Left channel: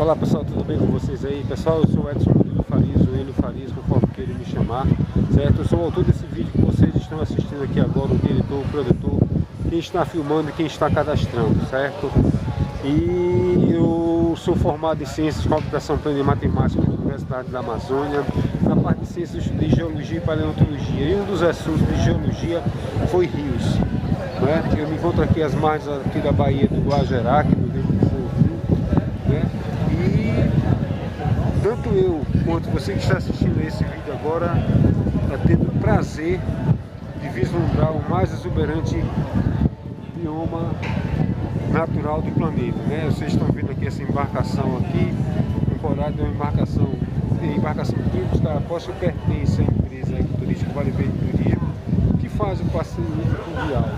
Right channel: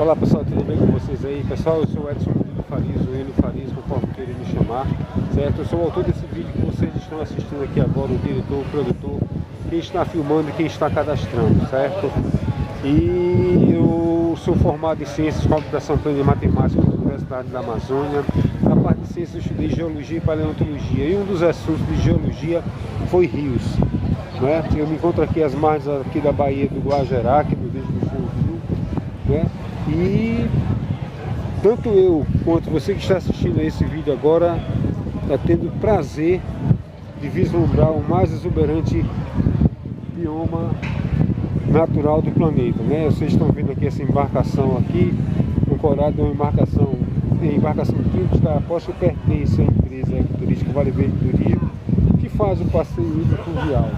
Olá pessoal, tudo bem com vocês aí? Pessoal, eu sou o Edson Murilo Farias, ou Hélio Farias, conforme queiram me chamar, certo? Eu sou o autor desse vídeo que vocês estão assistindo aqui agora, o diretor, o produtor, quem está filmando e quem está cadastrando, certo? E eu sou formado em Ciências com Computação Plena e Matemática na Universidade da Amazônia. Na parte de Ciências eu estudei Geologia e Paleontologia, e um dos assuntos de Geologia foi rios, né? Eu me encontro aqui às margens aqui da Baía do Guajerá, aqui no Verde do Rio, né? E tanto eu quanto você que está assistindo a esse vídeo agora está tendo o prazer de vislumbrar o mais exuberante bioma natural do planeta, né? Vocês estão vendo aqui essa embarcação aqui, ancorada é uma embarcação que está aposta que pertence à empresa turística Vale Verde do Rio, que faz o passeio fluvial,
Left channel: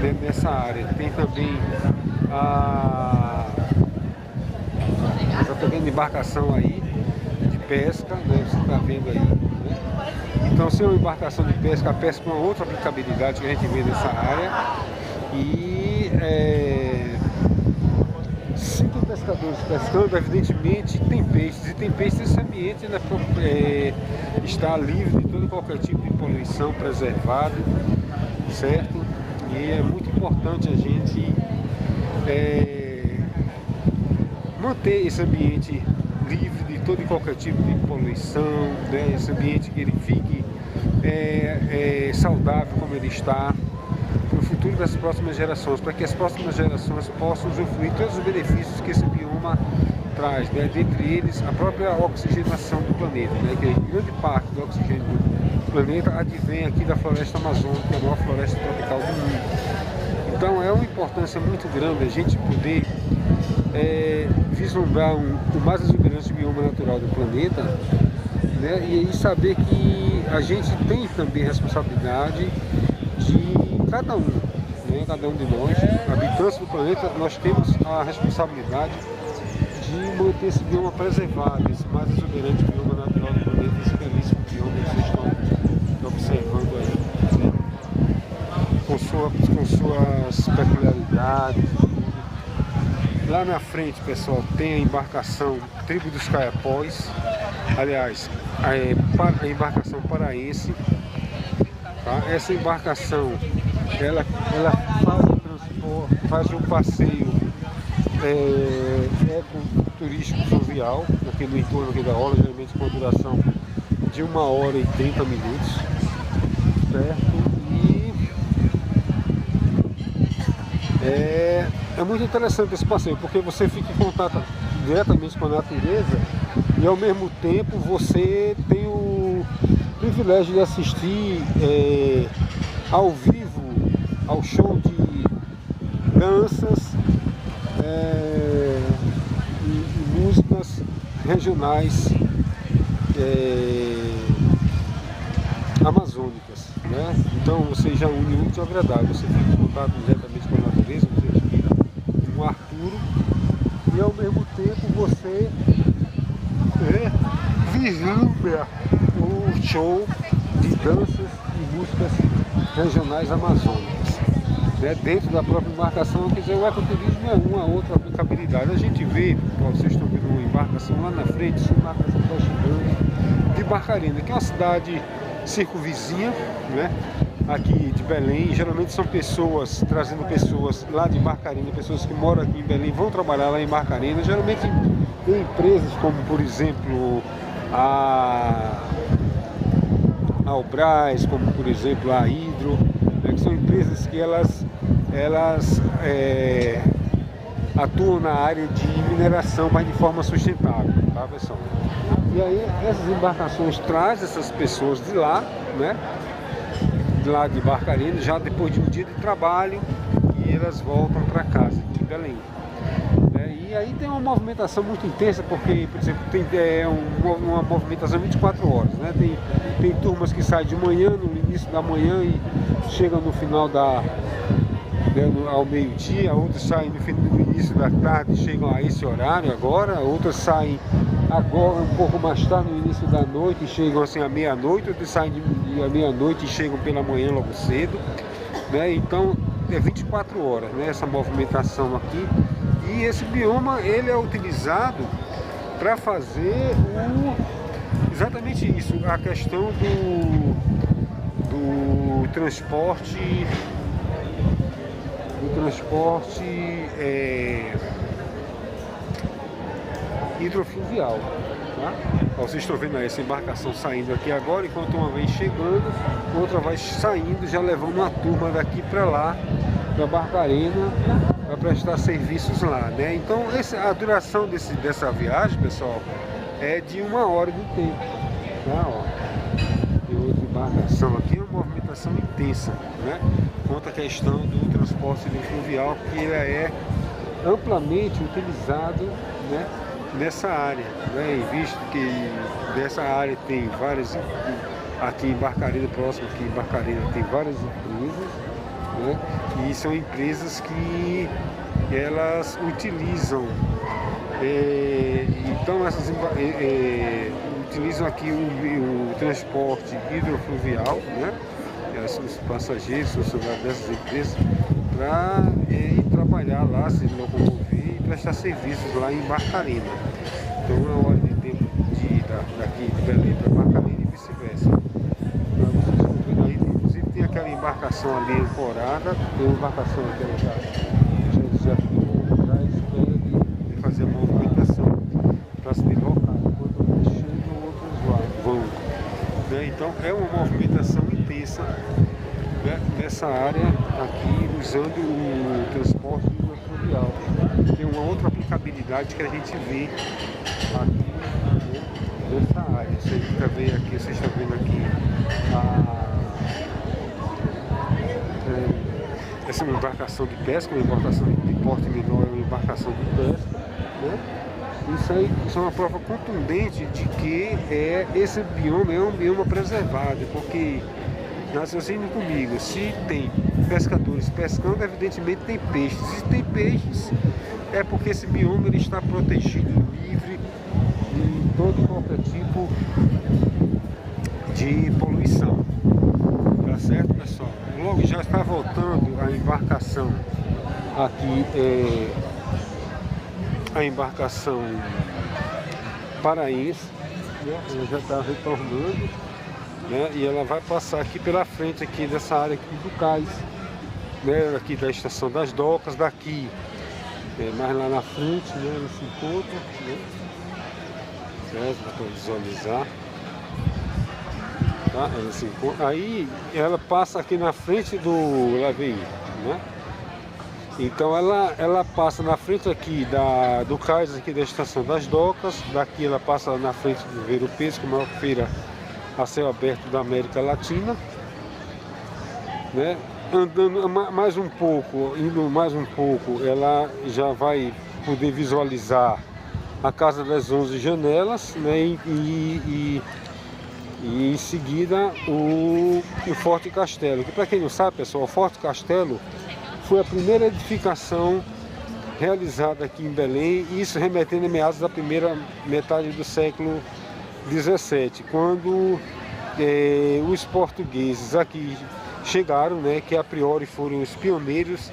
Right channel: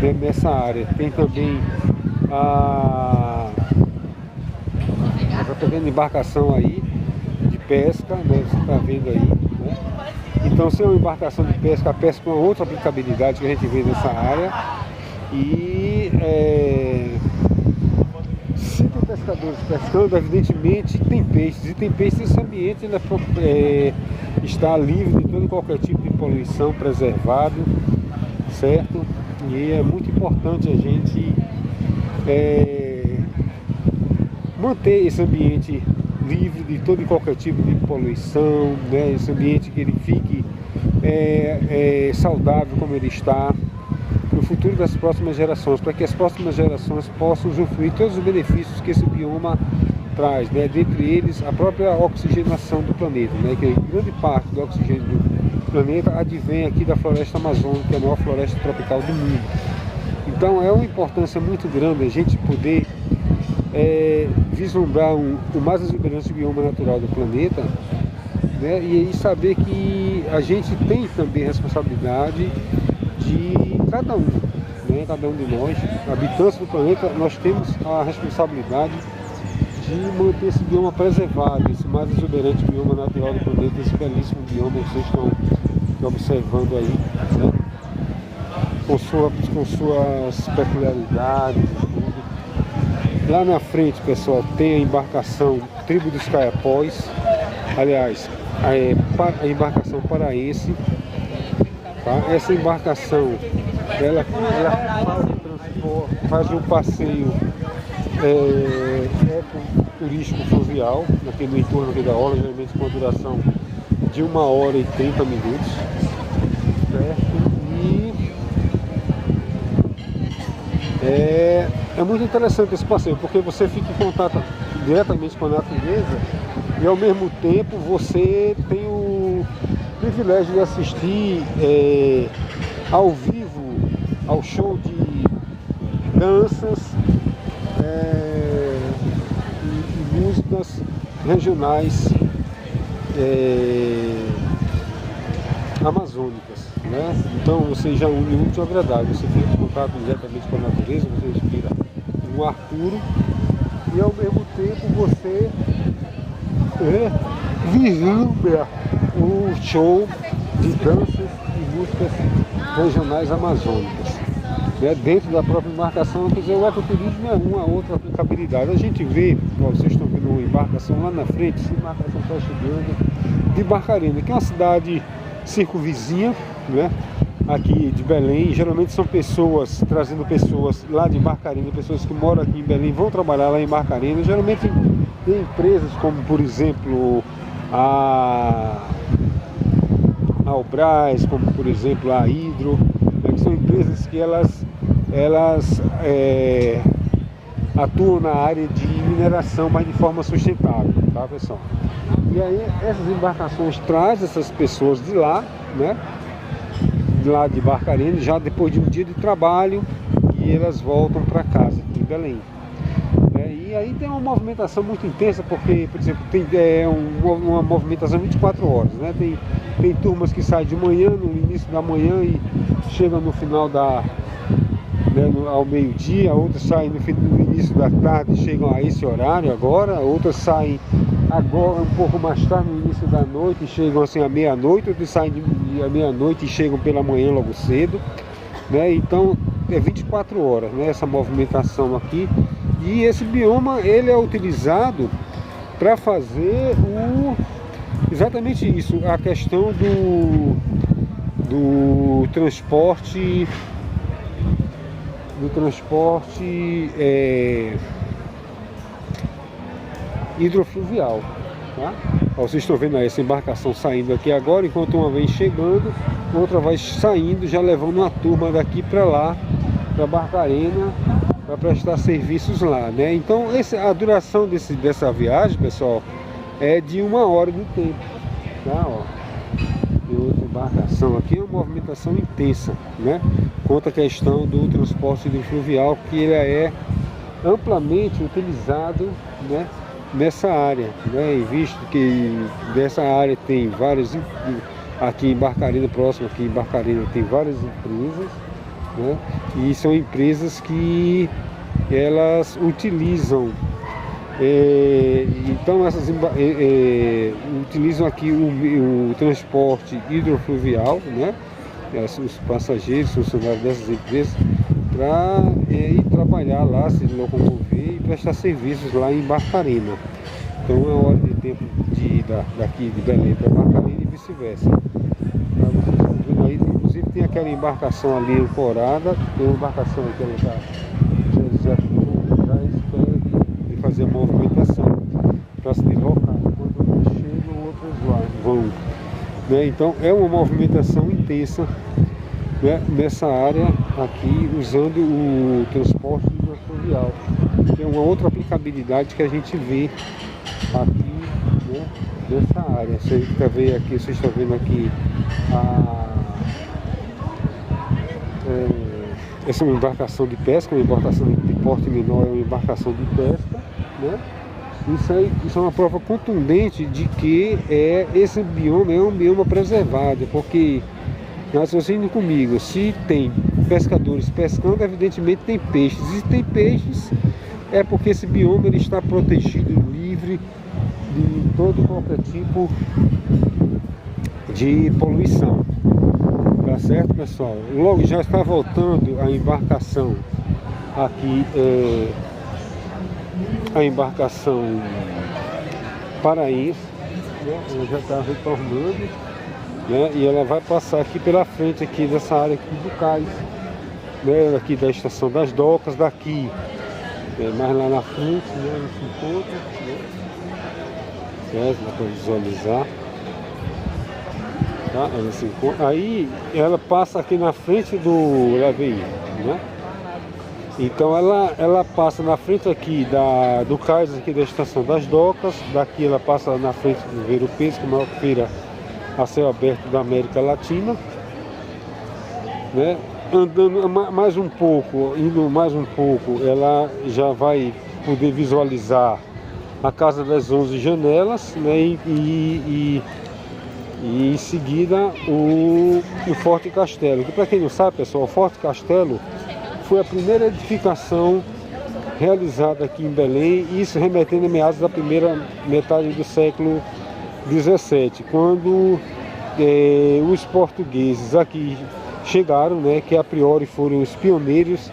né, nessa área. Tem também essa pequena embarcação aí de pesca, né? Você está vendo aí, né? Então, se é uma embarcação de pesca, a pesca é uma outra aplicabilidade que a gente vê nessa área. E se tem pescadores pescando, evidentemente tem peixes. E tem peixes nesse ambiente, né? Está livre de todo qualquer tipo de poluição, preservado, certo? E é muito importante a gente manter esse ambiente livre de todo e qualquer tipo de poluição, né? Esse ambiente que ele fique saudável como ele está, para o futuro das próximas gerações, para que as próximas gerações possam usufruir todos os benefícios que esse bioma traz, né? Dentre eles a própria oxigenação do planeta, né? Que grande parte do oxigênio do planeta advém aqui da floresta amazônica, que é a maior floresta tropical do mundo. Então é uma importância muito grande a gente poder vislumbrar o mais exuberante bioma natural do planeta, né? E aí saber que a gente tem também responsabilidade de cada um, né? Cada um de nós, habitantes do planeta, nós temos a responsabilidade de manter esse bioma preservado, esse mais exuberante bioma natural do planeta, esse belíssimo bioma que vocês estão observando aí, né? Com suas peculiaridades e tudo. Lá na frente, pessoal, tem a embarcação Tribo dos Caiapós, aliás, a embarcação paraense, tá? Essa embarcação, ela faz o passeio ecoturístico fluvial, aqui no entorno aqui da orla, geralmente com uma duração de 1h30, certo? E é muito interessante esse passeio, porque você fica em contato diretamente com a natureza e ao mesmo tempo você tem o privilégio de assistir ao vivo ao show de danças e músicas regionais amazônicas, né? Então você já une muito agradável, você fica em contato diretamente com a natureza, você respira um ar puro e ao mesmo tempo você vislumbra o show de danças e músicas regionais amazônicas, né? Dentro da própria embarcação. Quer dizer, o ecoturismo é uma outra aplicabilidade. A gente vê, ó, vocês estão vendo uma embarcação lá na frente, essa embarcação está chegando de Barcarena, que é uma cidade circunvizinha, né? Aqui de Belém. Geralmente são pessoas, trazendo pessoas lá de Barcarena, pessoas que moram aqui em Belém, vão trabalhar lá em Barcarena. Geralmente tem empresas como, por exemplo, a Albras, como por exemplo a Hidro, né? Que são empresas que elas atuam na área de mineração, mas de forma sustentável, tá, pessoal? E aí essas embarcações trazem essas pessoas de lá, né? De lá de Barcarena, já depois de um dia de trabalho, e elas voltam para casa aqui em Belém. E aí tem uma movimentação muito intensa, porque, por exemplo, tem uma movimentação 24 horas, né? Tem turmas que saem de manhã, no início da manhã, e chegam no final ao meio-dia, outras saem no início da tarde, chegam a esse horário agora, outras saem agora um pouco mais tarde, no início da noite, e chegam assim à meia-noite, outras saem à meia-noite e chegam pela manhã logo cedo, né? Então é 24 horas, né, essa movimentação aqui. E esse bioma ele é utilizado para fazer exatamente isso, a questão do transporte hidrofluvial, tá? Ó, vocês estão vendo aí essa embarcação saindo aqui agora, enquanto uma vem chegando, outra vai saindo, já levando uma turma daqui para lá, para Barcarena, para prestar serviços lá, né? Então a duração dessa viagem, pessoal, é de 1 hora de tempo, tá? Ó, e outra embarcação aqui, uma movimentação intensa, né? Quanto à questão do transporte fluvial, que ele é amplamente utilizado, né, nessa área, né? Visto que dessa área tem várias, aqui em Barcarena, próximo aqui em Barcarena, tem várias empresas, né? E são empresas que elas utilizam, então essas utilizam aqui o transporte hidrofluvial, né? Os passageiros, funcionários dessas empresas, para ir trabalhar lá, se locomover e prestar serviços lá em Barcarena. Então é uma hora de tempo de ida daqui de Belém para Barcarena e vice-versa. Vocês estão vendo aí, inclusive tem aquela embarcação ali ancorada, tem uma embarcação aqui, ela já espera de fazer a movimentação para se deslocar. Enquanto eles chegam, outros lá vão, né? Então é uma movimentação intensa, né, nessa área aqui, usando o transporte hidrofluvial. Tem uma outra aplicabilidade que a gente vê aqui, né, nessa área. Vocês estão vendo aqui essa é uma embarcação de pesca, uma embarcação de porte menor, é uma embarcação de pesca, né? Isso é uma prova contundente de que esse bioma é um bioma preservado, porque, raciocínio comigo, se tem pescadores pescando, evidentemente tem peixes. E se tem peixes, é porque esse bioma ele está protegido, livre de todo e qualquer tipo de poluição. Tá certo, pessoal? Logo já está voltando a embarcação aqui, a embarcação paraense, né? Ela já está retornando, né? E ela vai passar aqui pela frente aqui dessa área aqui do cais, né? Aqui da estação das docas, daqui mais lá na frente, né? Esse encontro, né? Dá para visualizar, tá? Ela se encontra, aí ela passa aqui na frente do Laveí, né? Então ela passa na frente aqui do cais aqui da estação das docas, daqui ela passa na frente do Ver o Peixe, que é a maior feira a céu aberto da América Latina, né? Andando mais um pouco, indo mais um pouco, ela já vai poder visualizar a Casa das 11 Janelas, né? E em seguida o Forte Castelo, que, para quem não sabe, pessoal, o Forte Castelo foi a primeira edificação realizada aqui em Belém, isso remetendo a meados da primeira metade do século XVII, quando os portugueses aqui chegaram, né, que a priori foram os pioneiros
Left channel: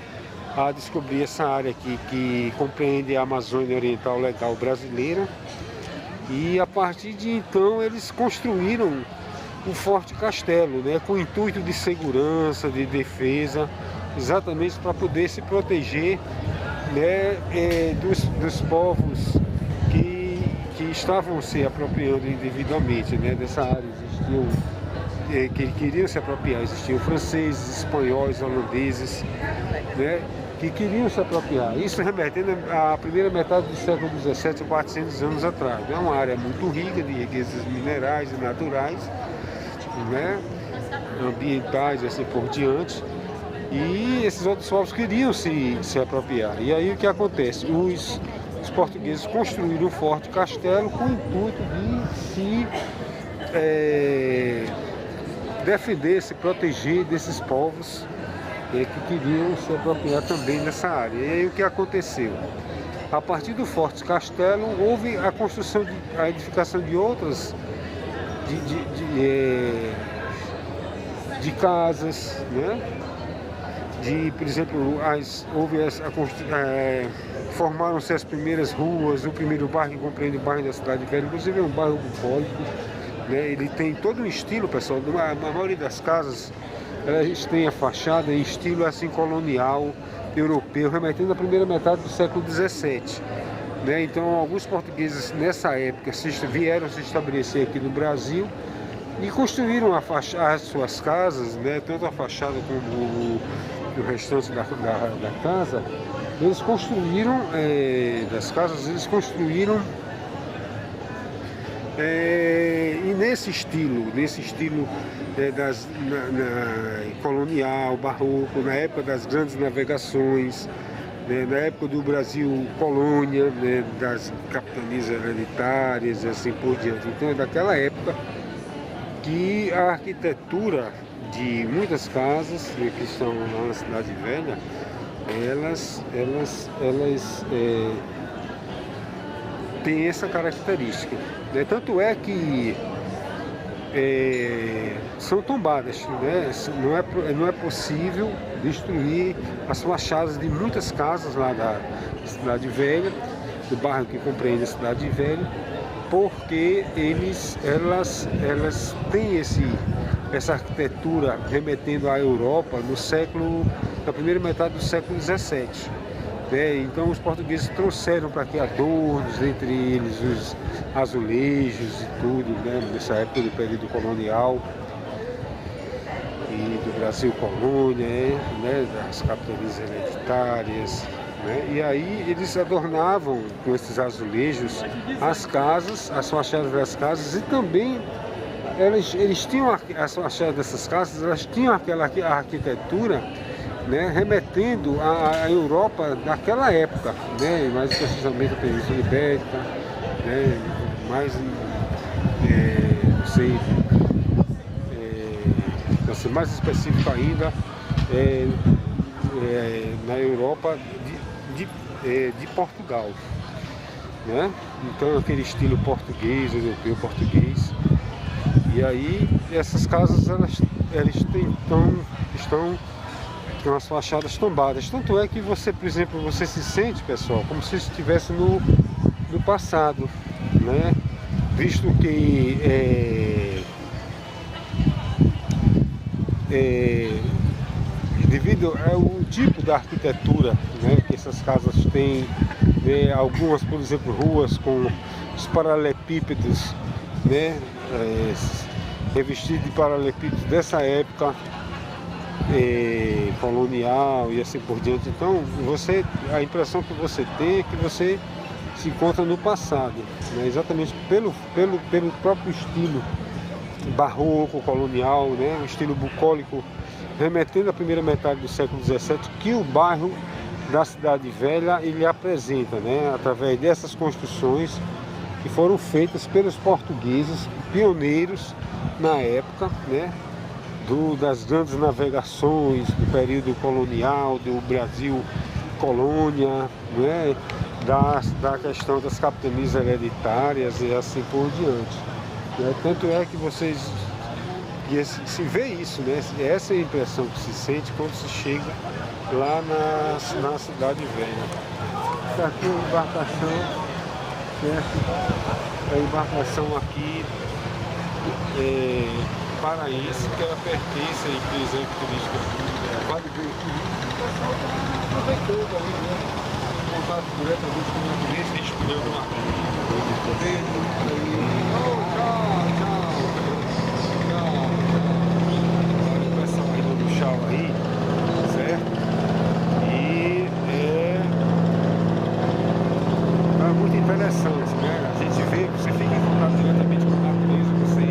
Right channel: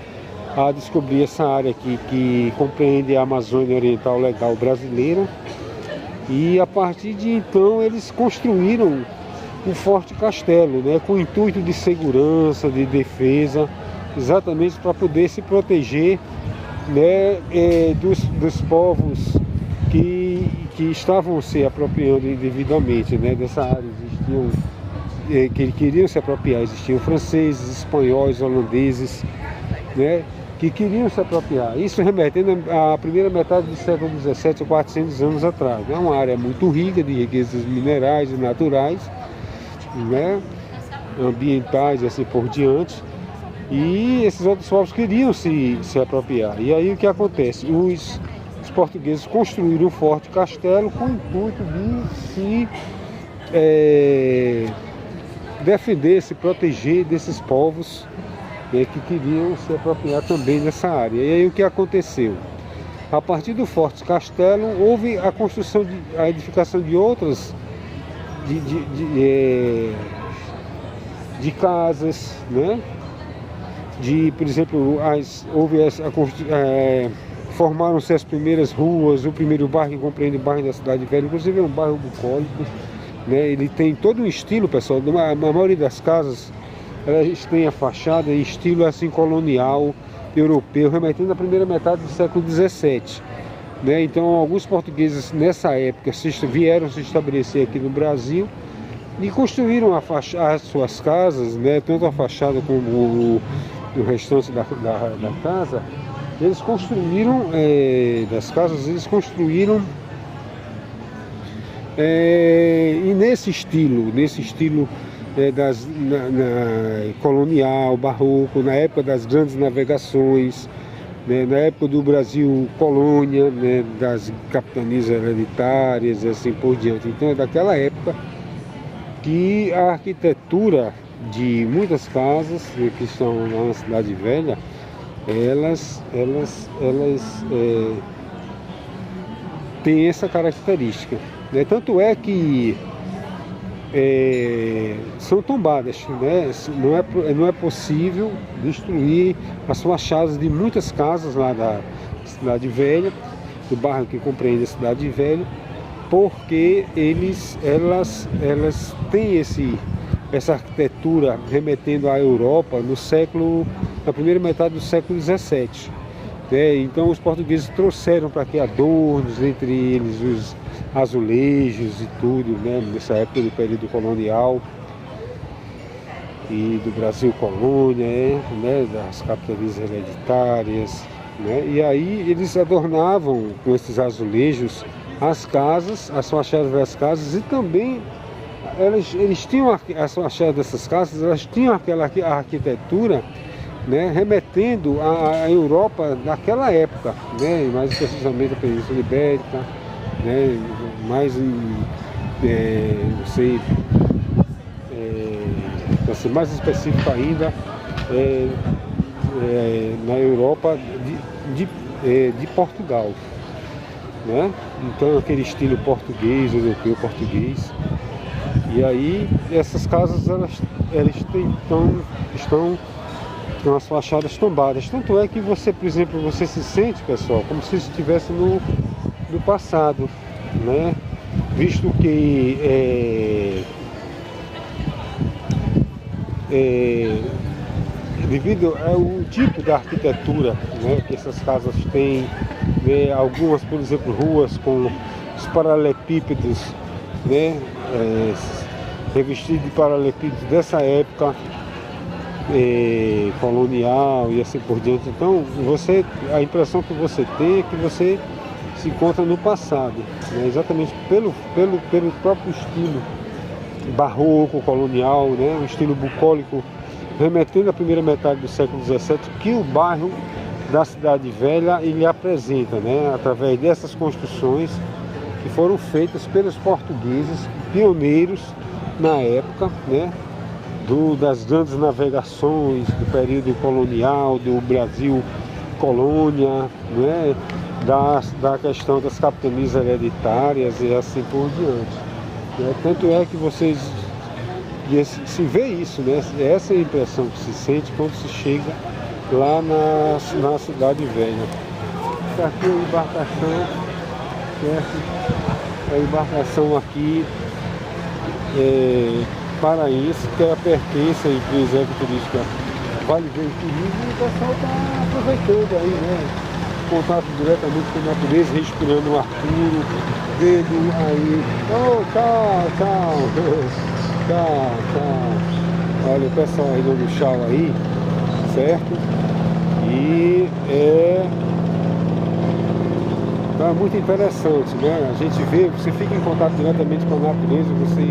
a descobrir essa área aqui, que compreende a Amazônia Oriental Legal brasileira, e a partir de então eles construíram o Forte Castelo, né, com o intuito de segurança, de defesa, exatamente para poder se proteger, né, dos povos que estavam se apropriando indevidamente, né, dessa área. Existiam que queriam se apropriar, existiam franceses, espanhóis, holandeses, né, que queriam se apropriar. Isso remetendo à primeira metade do século XVII, 400 anos atrás. É uma área muito rica de riquezas minerais e naturais, né, ambientais e assim por diante. E esses outros povos queriam se apropriar. E aí o que acontece? Os portugueses construíram um forte castelo com o intuito de se defender, se proteger desses povos, né, que queriam se apropriar também dessa área. E aí o que aconteceu? A partir do Forte Castelo houve a construção, a edificação de outras de casas, né? Por exemplo, formaram-se as primeiras ruas, o primeiro bairro que compreende o bairro da Cidade Velha, inclusive é um bairro bucólico, né? Ele tem todo um estilo, pessoal, a maioria das casas, elas têm a fachada em estilo assim colonial, europeu, remetendo à primeira metade do século XVII. Né? Então, alguns portugueses nessa época vieram se estabelecer aqui no Brasil e construíram as suas casas, né? Tanto a fachada como o restante da casa. Eles construíram, das casas, eles construíram e nesse estilo colonial, barroco, na época das grandes navegações, né, na época do Brasil colônia, né, das capitanias hereditárias e assim por diante. Então é daquela época que a arquitetura de muitas casas, né, que são lá na Cidade Velha, elas têm essa característica. Né? Tanto é que são tombadas, né? Não é possível destruir as fachadas de muitas casas lá da Cidade Velha, do bairro que compreende a Cidade Velha, porque elas têm essa arquitetura remetendo à Europa na primeira metade do século XVII. Né? Então os portugueses trouxeram para aqui adornos, entre eles os azulejos e tudo, né? Nessa época do período colonial e do Brasil colônia, né? Das capitanias hereditárias, né? E aí eles adornavam com esses azulejos as casas, as fachadas das casas, e também eles tinham as fachadas dessas casas, elas tinham aquela arquitetura, né? Remetendo à Europa daquela época, né? Mais precisamente a Península Ibérica, né? Mais para ser mais específico ainda, na Europa de Portugal, né? Então aquele estilo português, europeu português. E aí essas casas estão com as fachadas tombadas. Tanto é que você, por exemplo, você se sente, pessoal, como se estivesse no passado, né? Visto que devido ao tipo da arquitetura, né, que essas casas têm, né, algumas, por exemplo, ruas com os paralelepípedos, né, revestidos de paralelepípedos dessa época colonial e assim por diante. Então a impressão que você tem é que você se encontra no passado, né? Exatamente pelo próprio estilo barroco, colonial, né? Um estilo bucólico, remetendo à primeira metade do século XVII, que o bairro da Cidade Velha ele apresenta, né? Através dessas construções que foram feitas pelos portugueses, pioneiros na época, né? Das grandes navegações, do período colonial, do Brasil colônia, né? Da questão das capitanias hereditárias e assim por diante. Né? Tanto é que vocês se vê isso, né? Essa é a impressão que se sente quando se chega lá na Cidade Velha. Está aqui a embarcação, certo? A embarcação aqui paraense, que pertence à empresa ecoturística Vale do Turismo, e o pessoal está aproveitando aí, né? Contato diretamente com a natureza, respirando o ar puro, vendo aí, tchau. Olha o pessoal aí dando tchau aí, certo? E é muito interessante, né? A gente você fica em contato diretamente com a natureza, você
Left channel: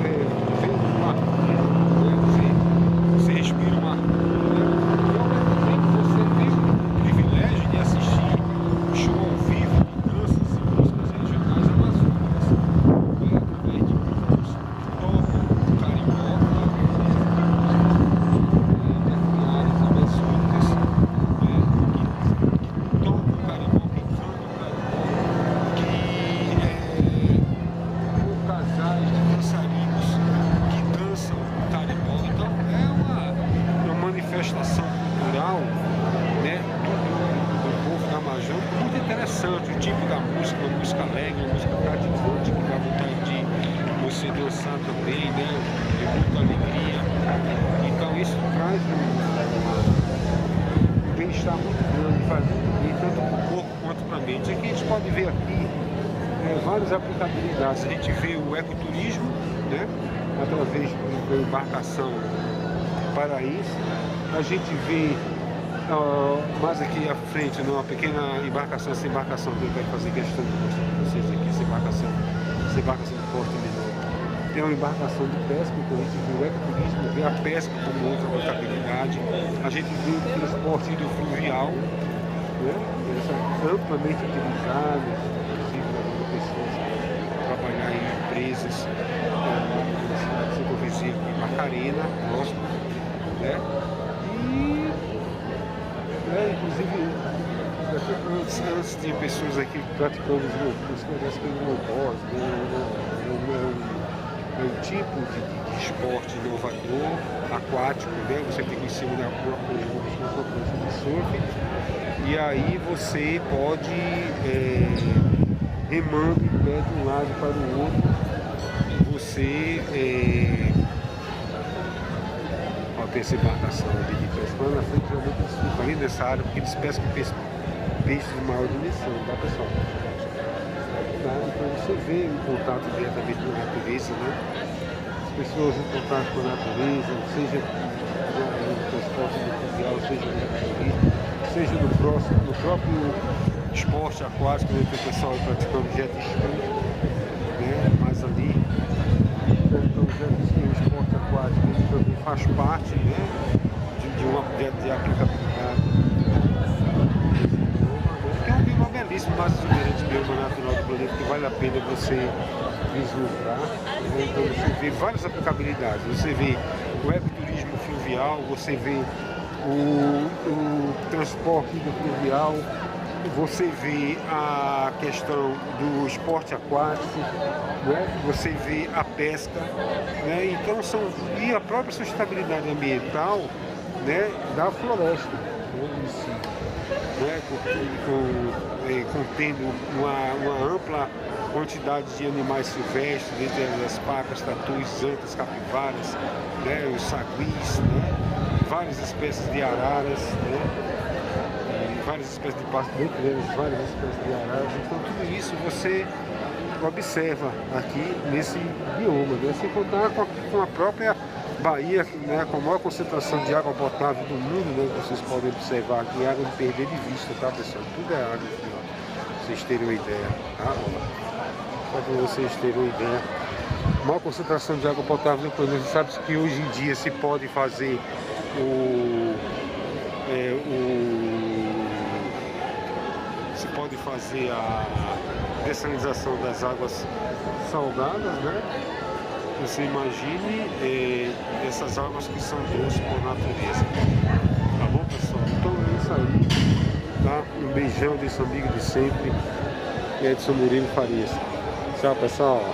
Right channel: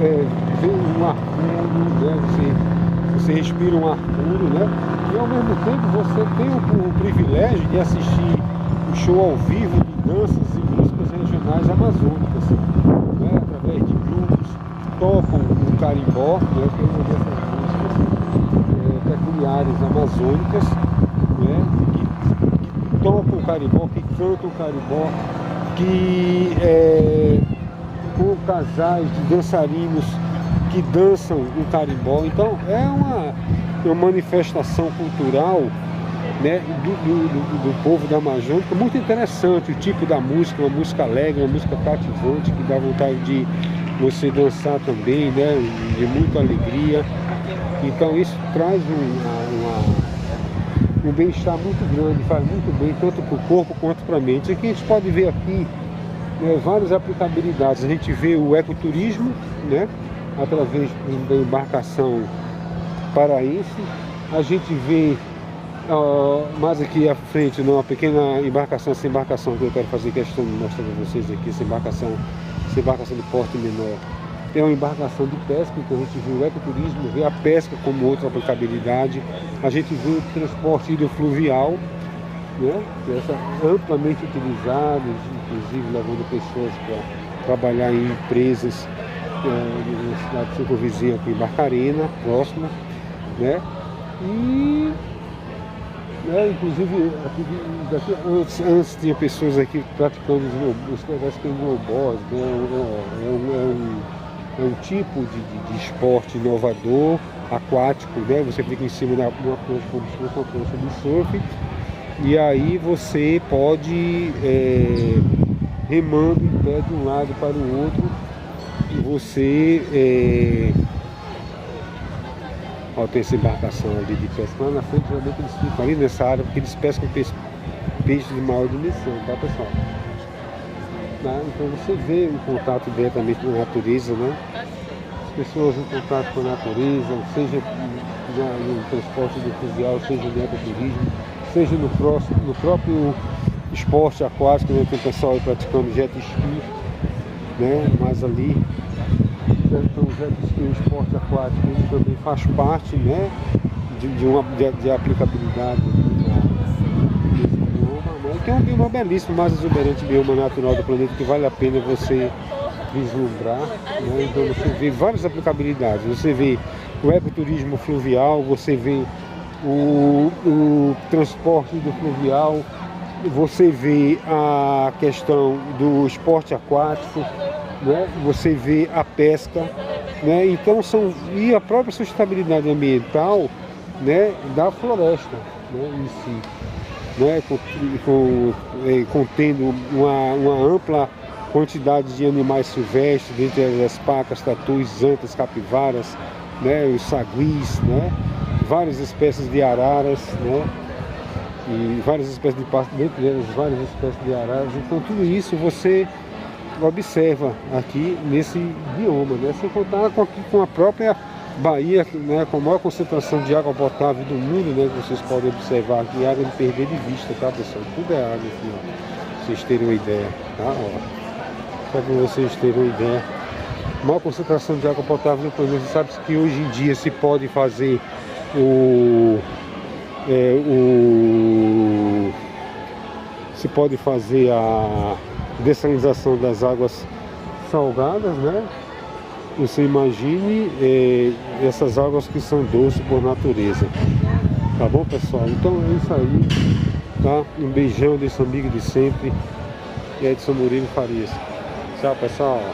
vê um ar puro, né? Você respira um ar puro, né? E ao mesmo tempo você tem o privilégio de assistir show ao vivo de danças e músicas regionais amazônicas, né? Através de grupos que tocam o carimbó, né? Tem uma dessas músicas peculiares amazônicas, né? Que tocam o carimbó, que cantam o carimbó, que com casais de dançarinos que dançam o carimbó. Então é uma manifestação cultural né, do povo da Amazônia. Muito interessante o tipo da música, uma música alegre, uma música cativante, que dá vontade de você dançar também, né, de muita alegria. Então isso traz um bem-estar muito grande, faz muito bem tanto para o corpo quanto para a mente. Aqui a gente pode ver aqui várias aplicabilidades. A gente vê o ecoturismo, né, através da embarcação paraense. A gente vê mais aqui à frente, uma pequena embarcação, essa embarcação que eu quero fazer questão de mostrar para vocês aqui, essa embarcação de porte menor. É uma embarcação de pesca, então a gente vê o ecoturismo, vê a pesca como outra aplicabilidade. A gente vê o transporte hidrofluvial, né, essa amplamente utilizada, inclusive levando pessoas para trabalhar em empresas na cidade circunvizinha aqui, Barcarena, próximo, né? E inclusive antes tinha pessoas aqui praticando os snowboard, né? É um tipo de esporte inovador, aquático, né? Você fica em cima de uma prancha, como se fosse uma prancha de surf, e aí você pode remando em pé de um lado para o outro, e você tem essa embarcação ali de pesca. Lá na frente, realmente eles ficam ali nessa área porque eles pescam peixes de maior dimensão, tá, pessoal? Então você vê o contato diretamente com a natureza, né? As pessoas em contato com a natureza, seja no transporte fluvial, seja no ecoturismo, seja no próprio esporte aquático, né? Tem pessoal praticando jet ski, né? Mas ali, então o jet ski, o esporte aquático, ele também faz parte, né? de aplicabilidade desse bioma, né? Tem um bioma belíssimo, mais exuberante bioma natural do planeta, que vale a pena você vislumbrar, né? Então você vê várias aplicabilidades. Você vê o ecoturismo fluvial, você vê o transporte fluvial, você vê a questão do esporte aquático, né? Você vê a pesca, né? Então e a própria sustentabilidade ambiental, né, da floresta, né, em si, né, contendo uma ampla quantidade de animais silvestres, dentre as pacas, tatus, antas, capivaras, né, os saguis, né, várias espécies de araras, né, e várias espécies de pássaros, dentre elas várias espécies de araras. Então tudo isso você observa aqui nesse bioma, né, sem contar com a própria Bahia, né, com a maior concentração de água potável do mundo, né, que vocês podem observar aqui, água de perder de vista, tá, pessoal? Tudo é água aqui, ó, pra vocês terem uma ideia, tá? Ó, só para vocês terem uma ideia. Maior concentração de água potável do planeta. Você sabe que hoje em dia se pode fazer se pode fazer a dessalinização das águas salgadas, né? Você imagine essas águas que são doces por natureza. Tá bom, pessoal? Então é isso aí, tá? Um beijão desse amigo de sempre, Edson Murilo Farias. Tchau, pessoal.